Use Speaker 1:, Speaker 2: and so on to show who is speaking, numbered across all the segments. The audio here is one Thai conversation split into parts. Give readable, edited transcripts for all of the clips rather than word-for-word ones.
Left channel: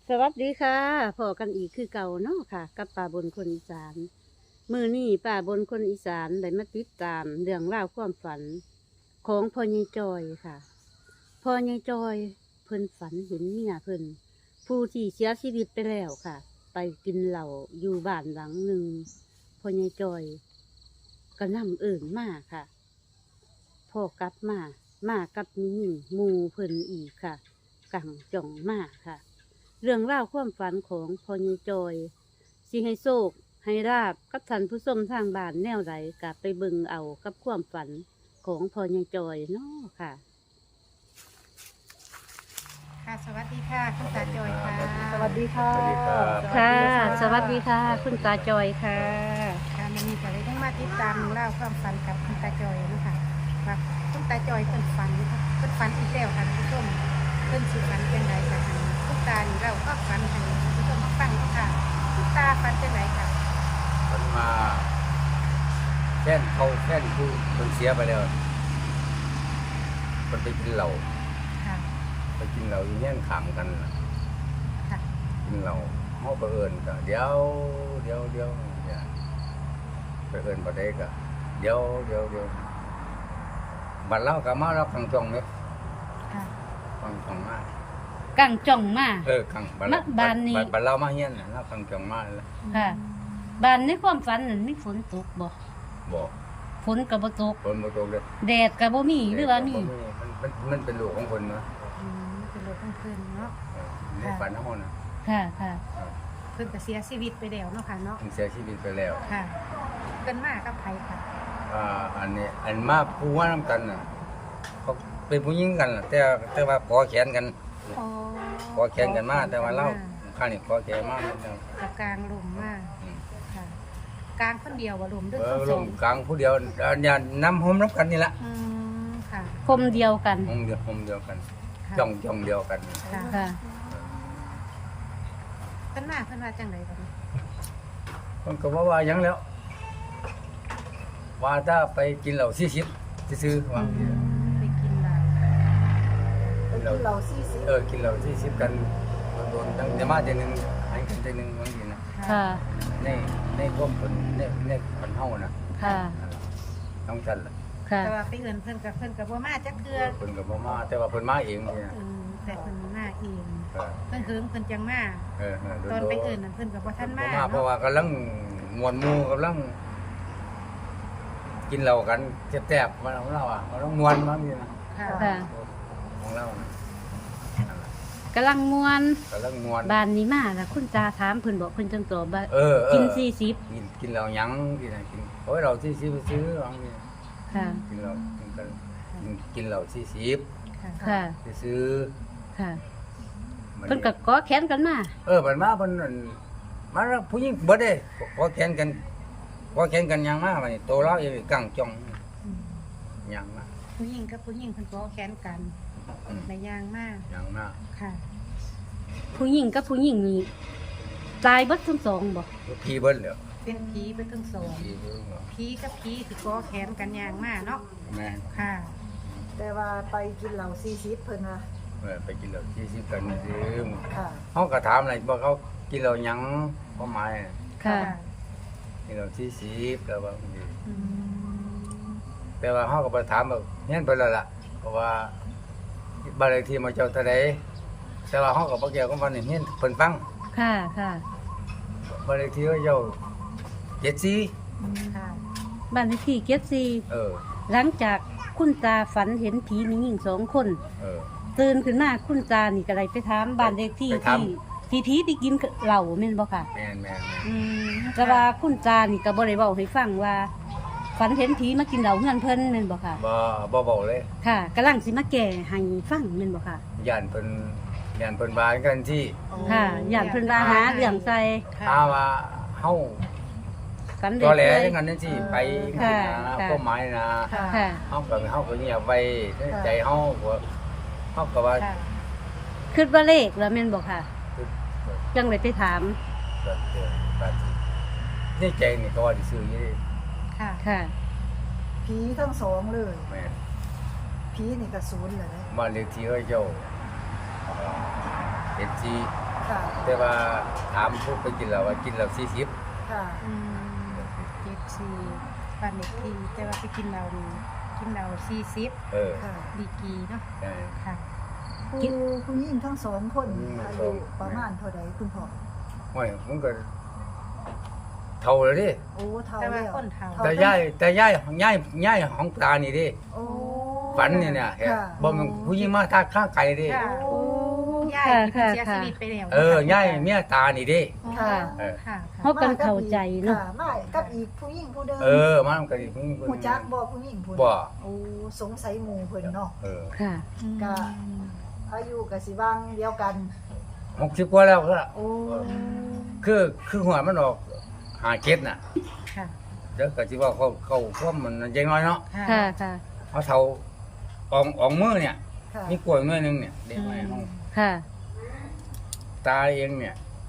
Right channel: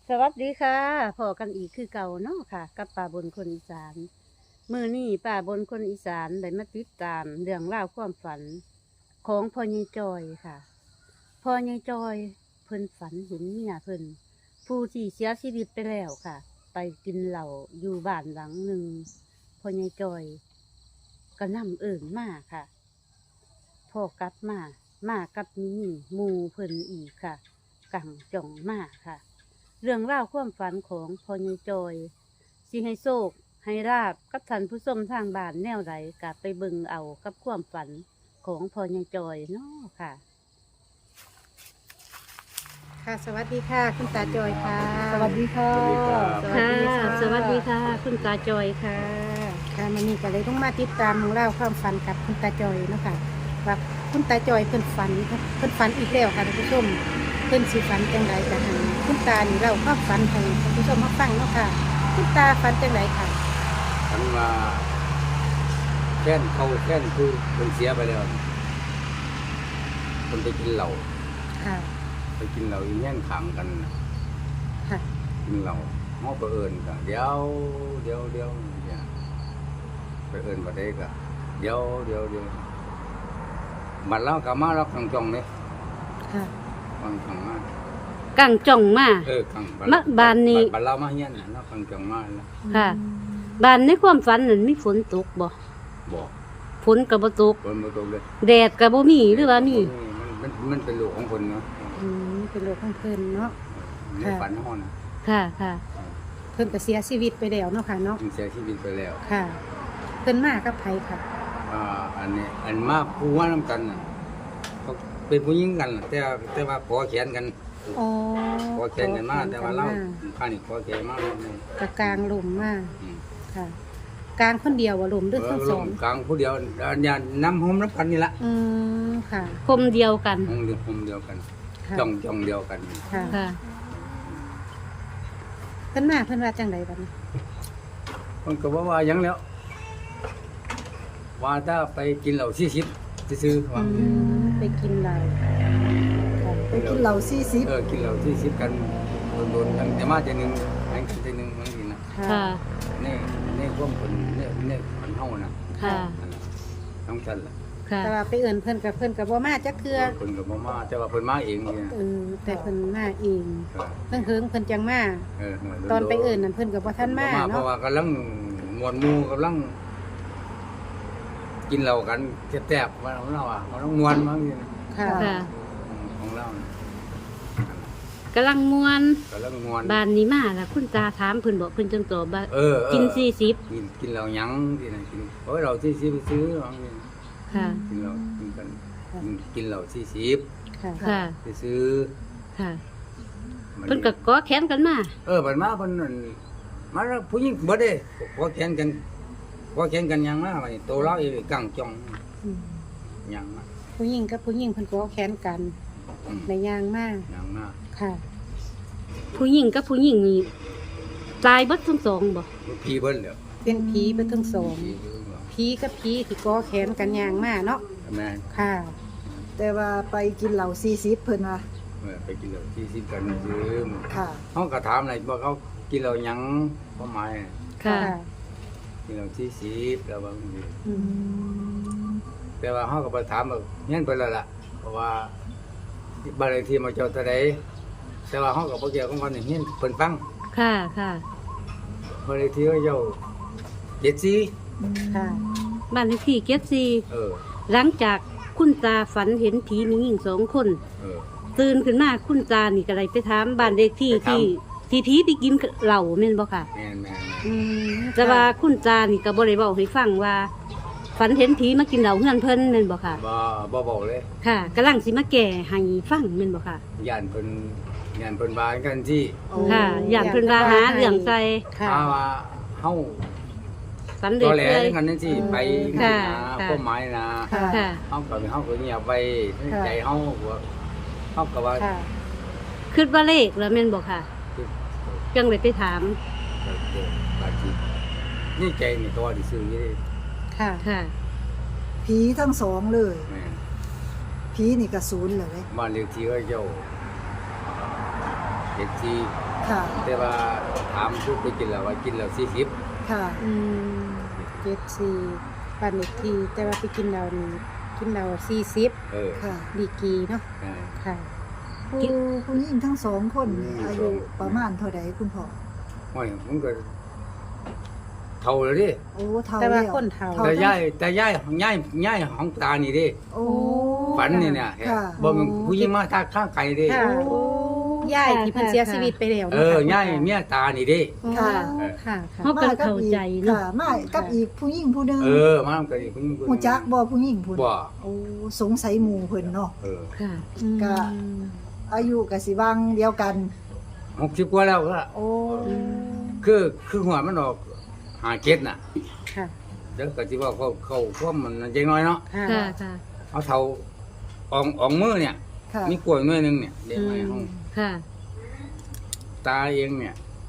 Speaker 1: สวัสดีค่ะพอกันอีกคือเก่าเนาะค่ะกับป่าบนคนอีสานมือนี่ป่าบนคนอีสานได้มาติดตามเรื่องราวความฝันของพ่อใหญ่จอยค่ะพ่อใหญ่จอยเพิ่นฝันเห็นเมียเพิ่นผู้ที่เสียชีวิตไปแล้วค่ะ ไปกินเหล้าอยู่บ้านหลังหนึ่งพ่อใหญ่จอยก็นำเอิ่นมาค่ะพ่อกลับมากับมีหมู่เพิ่นอีกค่ะกังจ่องมาค่ะ เรื่องราวความฝันของพ่อใหญ่จอยสิให้โชคให้ราบกับท่านผู้ชมทางบ้านแนวใดกะไปเบิ่งเอากับความฝันของพ่อใหญ่จอยเนาะค่ะ
Speaker 2: ค่ะสวัสดีค่ะคุณตาจอยค่ะ
Speaker 3: สวัสดีค่ะ
Speaker 4: สวัสดีครับ
Speaker 1: ค่ะ สวัสดีค่ะ คุณตาจอยค่ะ
Speaker 2: ค่ะวันนี้ก็เลยต้องมาติดตามเล่องราวความฝันกับคุณตาจอยเนาะคะว่าคุณตาจอยเพิ่นฝันอีกแล้วค่ะท่านผู้ชมเพิ่นสิฝันจังไรกันคุณตานี่เราความฝันให้ท่านผู้ชมมาฟังเนาะค่ะคุณตาฝันจังไรค่ะ
Speaker 4: ฉันมาแค้นเขาแค้นผู้คนเสียไปแล้วคนไปกินเหล้า
Speaker 2: ค่ะ
Speaker 4: ไปกินเหล้าอีแย่งขำกันน่ะ
Speaker 2: ค่ะ
Speaker 4: กินเหล้าเฮาไปเอิ้นก็เดี๋ยวเนี่ยไปเอิ้นบ่ได้ก็เดี๋ยวบัดเราก็มารับทางจองนี่
Speaker 2: ค่ะ
Speaker 4: ฟังจองมา
Speaker 1: กังจ่องมา
Speaker 4: กัง
Speaker 1: มาบ้านนี้
Speaker 4: บัดเรามาเฮียนน่ะเราฟังจองมาแล้ว
Speaker 1: ค่ะ บ้านในความฝันนั้นมีฝนตกบ่
Speaker 4: บ่
Speaker 1: ฝนก็บ่ตก
Speaker 4: เพิ่นบ่ตกเลย
Speaker 1: แดดก็บ่มีหรือว่ามี
Speaker 4: มันเป็นลูกของคนเนาะ
Speaker 2: เป็นโรคของเพิ่นเนาะ
Speaker 4: ในฝันเฮานะ
Speaker 1: ค่ะ
Speaker 2: เพิ่นก็เสียชีวิตไปแล้วเนาะค่ะเนาะ
Speaker 4: มันเสียชีวิตไปแล้ว
Speaker 2: ค่ะเพิ่นมากับไผค่ะ
Speaker 4: อันนี้อันมาผู้ว่านํกันน่ะก็เป็นผู้หญิงกันน่ะแต่ว่าขอแขนกัน
Speaker 2: อ๋อ
Speaker 4: ขอแขนกันมาแต่ว่าเราข้างนี้ขอแขนมานิดนึง
Speaker 2: กับกลางหลุมมาก
Speaker 4: อืม
Speaker 2: ค่ะกลางคนเดียวว่าหลุมด้วยทั้ง
Speaker 4: ล
Speaker 2: สอง ง
Speaker 4: กลางผู้เดียวอย่าน้ำหอมน้ำกันนี่ละ
Speaker 2: ค่ะ
Speaker 1: คมเดียวกัน
Speaker 4: หอมเดียวกัน
Speaker 2: ค่ะ
Speaker 4: จ้องเดียวกัน
Speaker 2: ค่ะ
Speaker 1: ค่ะ
Speaker 2: เพิ่นมาเพิ่นว่าจังไดบัดนี้
Speaker 4: มันก็ว่าหยังแล้ว ว่าถ้าไปกินเหล้า40ซื้อๆว่า
Speaker 2: ไปกินเหล้าค่ะ
Speaker 3: ไปกินเหล้า40
Speaker 4: กินเหล้า40กันโดนๆยังจะมาเจนึงหันกันเจนึงบางทีนะ
Speaker 1: ค่ะ
Speaker 4: ในความผลในฝันเฮานะ
Speaker 1: ค่ะ
Speaker 4: นั่นล่ะน้องฉันล่ะ
Speaker 1: ค่ะ
Speaker 2: แต่ว่าไปเอิ้นเพิ่นกับเพิ่นกับบ่มาจักเทื่อ
Speaker 4: เพิ่นก็บ่มาแต่ว่าเพิ่นมาเองนี่นะ
Speaker 2: แต่เพิ่นมาเอง
Speaker 4: เออ
Speaker 2: เพิ่นเฮิงเพิ่นจังมา
Speaker 4: โด
Speaker 2: ตอนไปเอิ้นนั่นเพิ่นก็บ่ทันมา
Speaker 4: เพราะ
Speaker 2: เนาะ
Speaker 4: ว่ากำลังมวนหมู่กำลัง กินเหล้ากันแซ่บๆว่าเราอ่ะมันต้องมวนบางทีนะ
Speaker 2: ค่ะ
Speaker 1: ค่ะ
Speaker 4: ของเรานะนั่นล่ะ
Speaker 1: กำลังมวน
Speaker 4: กำลังมวน
Speaker 1: บ้านนี้มาแล้วคุณตาถามเพิ่นบอกเพิ่นจังตอบว่า
Speaker 4: เออ
Speaker 1: กิน
Speaker 4: กินเหล้าหยังที่น่ะกินโอ้ยเหล้า40ไปซื้อบางทีนะ
Speaker 1: 40ค่ะ
Speaker 4: กินเหล้ากินเหล้า40
Speaker 2: ค่ะ
Speaker 1: ค่ะ
Speaker 4: ไปซื้อ
Speaker 1: ค่ะ
Speaker 4: มัน
Speaker 1: เพิ่นก็กอแขนกันมา
Speaker 4: บัดมาเพิ่นนั่นมาแล้วผู้หญิงเบิดเด้ขอแขนกันหยังมาบัดนี้โตเราอีกกังจ่อง
Speaker 2: อืม
Speaker 4: หยังมา
Speaker 2: ผู้หญิงกับผู้หญิงเพิ่นก็แค้นกัน
Speaker 4: อืม
Speaker 2: ในยางมาก
Speaker 4: หยังมา
Speaker 2: ค่ะ
Speaker 1: ผู้หญิงกับผู้หญิงนี่ตายเบิดทั้งสองบ่
Speaker 4: พี่เบิดแล้ว
Speaker 2: เป็นผีเพิ่นทั้งสอง
Speaker 4: พี่เบิดแล้ว
Speaker 2: ผีกับผีที่ก็แค้นกันยางมากเนาะ
Speaker 4: แม่
Speaker 2: ค่ะ
Speaker 3: แต่ว่าไปกินเหล้า40เพิ่นว่า
Speaker 4: ไปกินเหล้า40กันซื้อ
Speaker 3: ค่ะ
Speaker 4: เฮาก็ถามอะไรว่าเขากินเหล้าหยังความหมาย
Speaker 1: ค่ะ
Speaker 4: กินเหล้า40แล้วบางที
Speaker 2: อืม
Speaker 4: แต่ว่าเฮาก็ไปถามว่าเฮียนเพิ่นแล้วล่ะเพราะว่าบ้านเลขที่มาเจ้าเท่าใดแต่ว่าเฮาก็บ่เกี่ยวกับว่านี่เฮียนเพิ่นฟัง
Speaker 1: ค่ะ ค่ะ
Speaker 4: บ้านเลขที่ว่าเจ้า74
Speaker 2: ค่ะ
Speaker 1: บ้านเลขที่เจ็ดสี่
Speaker 4: เออ
Speaker 1: หลังจากคุณตาฝันเห็นผีมีหญิง2 คน
Speaker 4: เออ
Speaker 1: ตื่นขึ้นมาคุณตานี่ก็เลยไปถามบ้านเลขที่
Speaker 4: ไปถาม
Speaker 1: ที่ผีไปกินเหล้าแม่นบ่ค่ะ
Speaker 4: แม่น
Speaker 2: อืม
Speaker 1: แต่ว่าคุณตานี่ก็บ่ได้เว้าให้ฟังว่า ฝันเห็นผีมากินเหล้าเฮือนเพิ่นแม่นบ่ค่ะ
Speaker 4: บ่เบาเลย
Speaker 1: ค่ะกำลังสิมาแก้ให้ฟังแม่นบ่ค่ะ
Speaker 4: ย่านเพิ่นว่ากันที่
Speaker 1: ค่ะย่านเพิ่นว่าหาเรื่องใส่
Speaker 2: ค่ะ
Speaker 4: ถ้าว่าเฮา
Speaker 1: ฝัน
Speaker 4: ตอแหล
Speaker 1: เรื่อย
Speaker 4: กันนั่นสิไป
Speaker 1: ค่ะ
Speaker 4: นะ
Speaker 1: ค่ะ
Speaker 4: ความหมายนะ
Speaker 2: ค่ะ
Speaker 1: ค่ะ
Speaker 4: เฮาก็เงียบไว้ในใจเฮาว่าเฮาก็ว่า
Speaker 2: ค่ะ
Speaker 1: คิดว่าเลขแล้วแม่นบ่ค่ะ
Speaker 4: คือ
Speaker 1: จังเลยไปถาม
Speaker 4: ก็เกิดบางทีในใจนี่ก็ว่าสิซื้ออยู่เด้
Speaker 2: ค่ะ
Speaker 1: ค่ะ
Speaker 3: ผีทั้งสองเลย
Speaker 4: แม่น
Speaker 3: ผีนี่ก็ศูนย์เลย
Speaker 4: บ้านเลขที่เขาเจ้าเจ็ดสี่
Speaker 3: ค่ะ
Speaker 4: แต่ว่าถามผู้ไปกินแล้วว่ากินแล้ว40
Speaker 3: ค่ะ
Speaker 2: 74บ้านเลขที่แต่ว่าไปกินเรานี่กินเรา40
Speaker 4: เออ
Speaker 3: ค่ะ
Speaker 2: ดีกรีเนาะ
Speaker 4: ใช่
Speaker 2: ค่ะ
Speaker 3: ผู้หญิงทั้งสองคน
Speaker 4: ผู้หญิงทั้
Speaker 3: อาง
Speaker 4: สอ
Speaker 3: ยุ
Speaker 4: ง
Speaker 3: ประมาณเท่าใดคุณพ่อ
Speaker 4: โอ้ยมันก็เท่าแล้วดิ
Speaker 3: โอ้เท่า
Speaker 2: แต่ว่า
Speaker 3: แล้ว
Speaker 2: คนเฒ่า
Speaker 4: แต่ย้ายของตานี่ดิ
Speaker 3: โอ้
Speaker 4: ฝันนี่เนี่ยเห็น
Speaker 3: ค่ะ
Speaker 4: บ่แมันผู้หญิงมาทางข้างไกลดิ
Speaker 2: ค่ะ
Speaker 1: โอ้
Speaker 2: ยายที่เพิ่นเสียชีวิตไปแล้ว
Speaker 4: ย้ายเมียตานี่ดิ
Speaker 3: ค่ะ
Speaker 4: เออ
Speaker 2: ค่ะ
Speaker 1: เฮากันเข้าใจเนาะ
Speaker 3: ค่ะมากับอีกผู้หญิงผู้หนึง
Speaker 4: มานำกันอีกผู้หญิงคนห
Speaker 3: หู
Speaker 4: นึ่ง
Speaker 3: จักบ่ผู้หญิงผู้นั้น
Speaker 4: บ่
Speaker 3: โอ้สงสัยหมู่เพิ่นเนาะ
Speaker 4: เออ
Speaker 1: ค่ะ
Speaker 3: ก็ อายุก็สิบางเดียวกัน
Speaker 4: 60กว่าแล้วก็
Speaker 3: โอ้
Speaker 4: คือหัวมันออก57น่ะ
Speaker 1: ค่ะ
Speaker 4: เดี๋ยวก็สิว่าเขาความมันจังน้อยเนาะ
Speaker 1: ค่ะค่ะ
Speaker 4: เอาเท่าอองมือเนี่ย
Speaker 3: ค่ะ
Speaker 4: มีกล้วยหน่วยหนึงเนี่ยเด็กไว้ห้อง
Speaker 1: ค่ะ
Speaker 4: ตาเองเนี่ย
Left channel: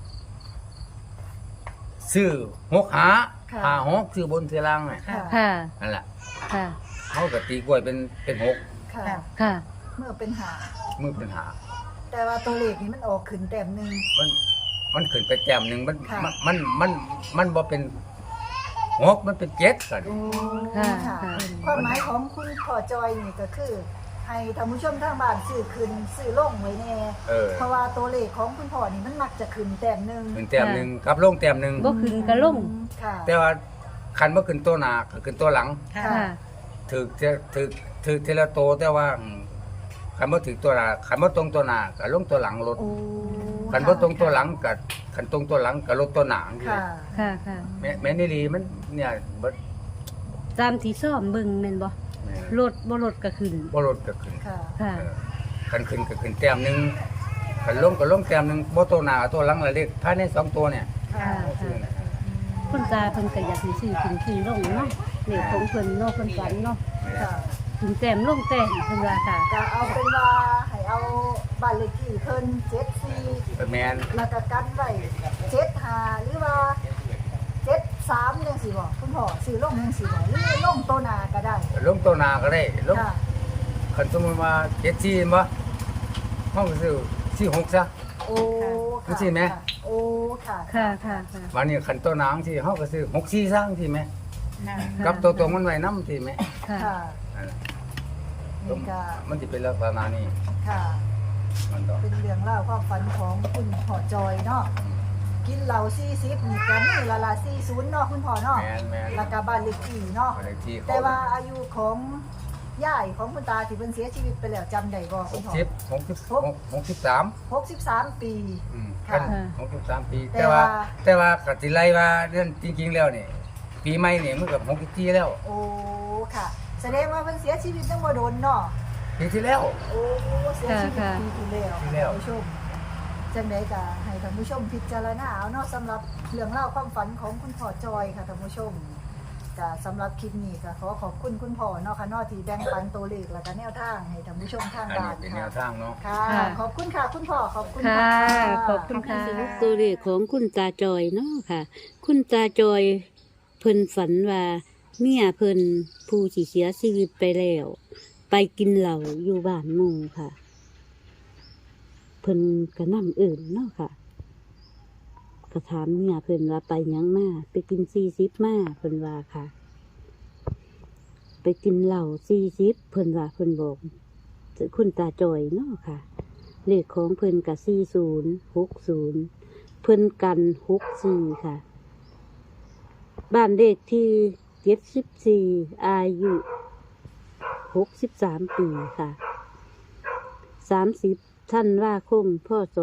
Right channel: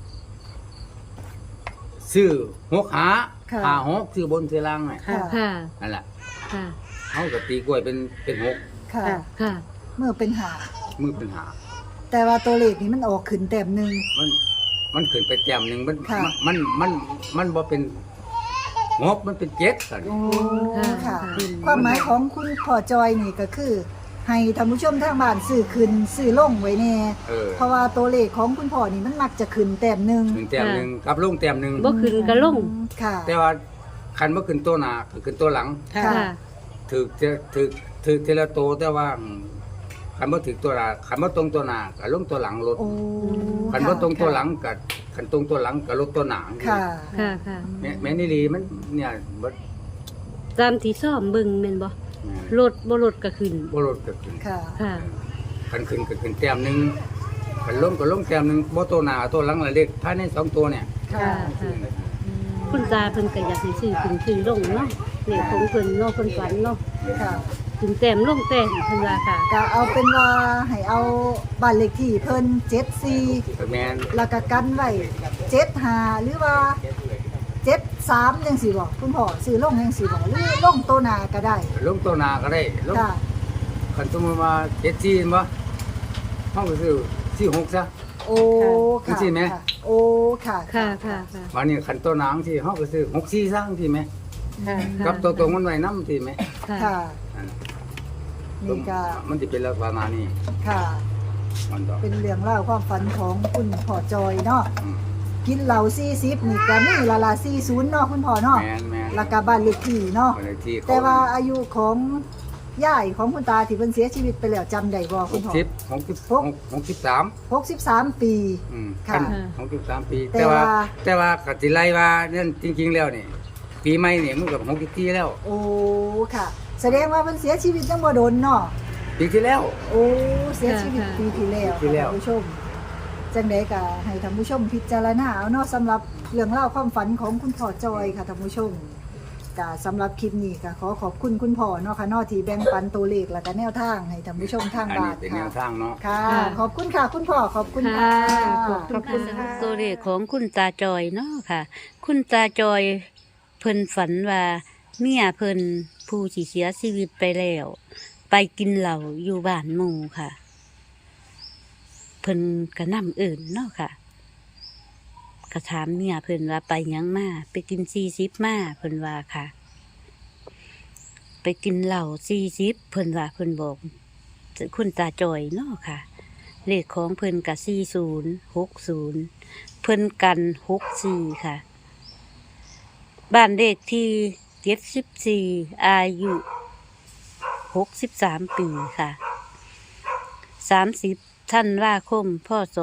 Speaker 4: ซื้อ6หา
Speaker 3: ค่ะ
Speaker 4: หา6ซื้อบนซื้อล่างเนี่ย
Speaker 3: ค่ะ
Speaker 1: ค่ะ
Speaker 4: นั่นแหละ
Speaker 1: ค่ะ
Speaker 4: เขาก็ตีกล้วยเป็น6
Speaker 3: ค่ะ
Speaker 1: ค่ะ
Speaker 3: เมื่อเป็นหา
Speaker 4: มือเป็นหา
Speaker 3: แต่ว่าตัวเลขนี้มันออกขึ้นแต้มหนึง
Speaker 4: มันขึ้นไปแต้มหนึงมัน
Speaker 3: ค่ะ
Speaker 4: มันบ่เป็น6มันเป็น7กัน
Speaker 3: โอ้
Speaker 1: ค่ะ
Speaker 3: ค่ะ
Speaker 1: ค่ะ
Speaker 3: ความหมายของคุณพ่อจอยนี่ก็คือ ให้ท่านผู้ชมทางบ้านซื้อขึ้นซื้อลงไว้แน่
Speaker 4: เออ
Speaker 3: เพราะว่าตัวเลขของคุณพ่อนี่มันมักจะขึ้นแต้มหนึง
Speaker 4: ขึ้นแต้มหนึงกับลงแต้มหนึง
Speaker 1: บ่ขึ้นก็ลง
Speaker 3: ค่ะ
Speaker 4: แต่ว่าคันบ่ขึ้นตัวหน้าก็ขึ้นตัวหลัง
Speaker 2: ค่ะ
Speaker 1: ค่ะ
Speaker 4: ถึกทีละโตแต่ว่าคันบ่ถึกตัวหน้าคันบ่ตรงตัวหน้าก็ลงตัวหลังลด
Speaker 3: โอ้
Speaker 4: คันบ่ตรงตัวหลังก็คันตรงตัวหลังก็ลดตัวหน้า
Speaker 3: ค่ะ
Speaker 1: ค่ะค่ะ
Speaker 4: แม่นอีหลีมันเนี่ยบ่
Speaker 1: ตามที่ซ่อมเบิ่งแม่นบ่
Speaker 4: แม่น
Speaker 1: รถบ่รถก็ขึ้น
Speaker 4: บ่ลดก็ขึ้น
Speaker 3: ค่ะ
Speaker 1: ค่ะ
Speaker 4: เออคันขึ้นก็ขึ้นแต้มหนึงคันลงก็ลงแต้มหนึงบ่ตัวหน้าตัวหลังละเลขภายใน2ตัวเนี่ย
Speaker 3: ค่ะ
Speaker 4: ต้องซื้อนะ
Speaker 1: คุณตาเพิ่นก็อยากให้ซื้อขึ้นขึ้นลงเนาะเลขของเพิ่นเนาะเพิ่นฝันเนาะ
Speaker 4: แม่น
Speaker 3: ค่ะ
Speaker 1: ขึ้นแต้มลงแต้มเพิ่นว่าค่ะ
Speaker 3: ก็เอาเป็นว่าให้เอาบ้านเลขที่เพิ่น74
Speaker 4: แม่น
Speaker 3: แล้วก็กันไว้75หรือว่า73จังซี่บ่คุณพ่อซื้อลงจังซี่บ่หรือลงตัวหน้าก็ได้
Speaker 4: ลงตัวหน้าก็ได้ลง
Speaker 3: ค่ะ
Speaker 4: คันสมมุติว่า74เห็นบ่เฮาก็ซื้อ46ซะ
Speaker 3: โอ้
Speaker 4: จังซี่ไหม
Speaker 3: โอ้ค่ะ
Speaker 1: ค่ะค่ะค่ะ
Speaker 4: วันนี้คันตัวหนังที่เฮาก็ซื้อ64ซะจังซี่แหม
Speaker 1: ค่ะ
Speaker 4: กับตัวตรงมันไว้นำที่แหม
Speaker 1: ค่ะ
Speaker 3: ค่ะ
Speaker 4: นั่นน่ะ
Speaker 3: นี่ก็
Speaker 4: มันสิเป็นลักษณะนี้
Speaker 3: ค่ะ
Speaker 4: มันต้อง
Speaker 3: เป็นเรื่องเล่าวความฝันของคุณพ่อจอยเนาะ
Speaker 4: อืม
Speaker 3: กินเหล้า40นี่ก็นี่ละ40เนาะคุณพ่อเนาะ
Speaker 4: แม่น
Speaker 3: แล้วก็บ้านเลขที่เนาะ
Speaker 4: ๆอะไรที่เขา
Speaker 3: แต่ว่าอายุของย่ายของคุณตาที่เพิ่นเสียชีวิตไปแล้วจำได้บ่คุณพ่อ
Speaker 4: 63
Speaker 3: 63 ปี
Speaker 4: อืม
Speaker 3: ค่ะ
Speaker 4: คัน63 ปี
Speaker 3: แต่
Speaker 4: แต่ว่า
Speaker 3: ว่า
Speaker 4: แต่ว่าก็สิไล่ว่านั่นจริง ๆ แล้วนี่ ปีใหม่นี่มันก็64แล้ว
Speaker 3: โอ้ค่ะ แสดงว่าเพิ่นเสียชีวิตยังบ่โดนเนาะ
Speaker 4: ปีที่แล้ว
Speaker 3: โอ้เสียชีวิต
Speaker 1: ค่ะ
Speaker 3: ปีที่แล้ว
Speaker 4: ปีที่แล้ว
Speaker 3: ท่านผู้ชมจังไดก็ให้ท่านผู้ชมพิจารณาเอาเนาะสำหรับเรื่องเล่าวความฝันของคุณพ่อจอยค่ะท่านผู้ชมก็สำหรับคลิปนี้ก็ขอขอบคุณคุณพ่อเนาะค่ะเนาะที่แบ่งปันตัวเลขแล้วก็แนวทางให้ท่านผู้ชมทาง
Speaker 4: อัน
Speaker 3: บ้า
Speaker 4: นี้
Speaker 3: น
Speaker 4: เป็นแนวทางเนาะ
Speaker 3: ค่ะ
Speaker 1: ค่ะ
Speaker 3: ขอบคุณค่ะคุณพ่อขอบคุณ
Speaker 1: ค่ะ ขอบคุณค่ะสรุปตัวเลขของคุณตาจอยเนาะค่ะ คุณตาจอยเพิ่นฝันว่าเมียเพิ่นผู้ที่เสียชีวิตไปแล้ว ไปกินเหล้าอยู่บ้านหมู่ค่ะ เพิ่นก็นำอื่นเนาะค่ะก็ถามเมียเพิ่นว่าไปหยังมาไปกิน40มาเพิ่นว่าค่ะ ไปกินเหล้า40เพิ่นว่าเพิ่นบอกคุณตาจอยเนาะค่ะ เลขของเพิ่นกับ4060เพิ่นกัน64ค่ะ บ้านเลขที่74อายุ63 ปีค่ะ30ธันวาคมพศ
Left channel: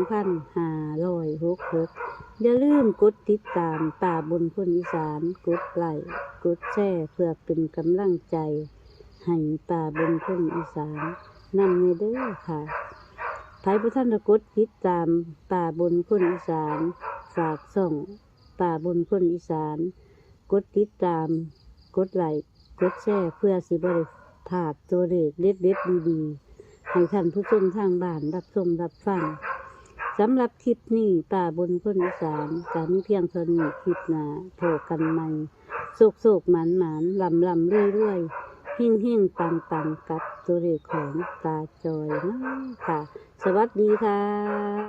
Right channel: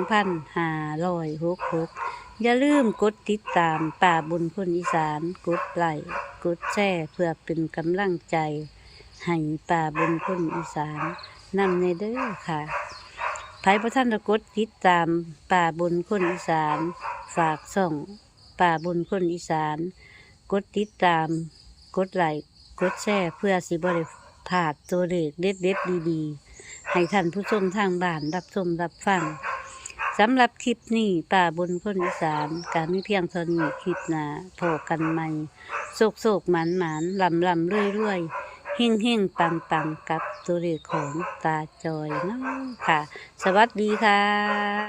Speaker 1: 2566อย่าลืมกดติดตามป่าบนคนอีสานกดไลค์กดแชร์เพื่อเป็นกำลังใจให้ป่าบนคนอีสานนำในเด้อค่ะไผบ่ทันได้กดติดตามป่าบนคนอีสานฝากส่องป่าบนคนอีสานกดติดตามกดไลค์กดแชร์เพื่อสิบ่ได้พลาดตัวเลขเด็ดๆดีๆให้ท่านผู้ชมทางบ้านรับชมรับฟังสำหรับคลิปนี้ป่าบนคนอีสานการมีเพียงเท่านี้คลิปหน้าโผกันใหม่โศกๆหมันๆลำๆเรื่อยๆ เฮ่งๆ ปังๆ กับตัวเลขของตาจอยเนาะค่ะ สวัสดีค่ะ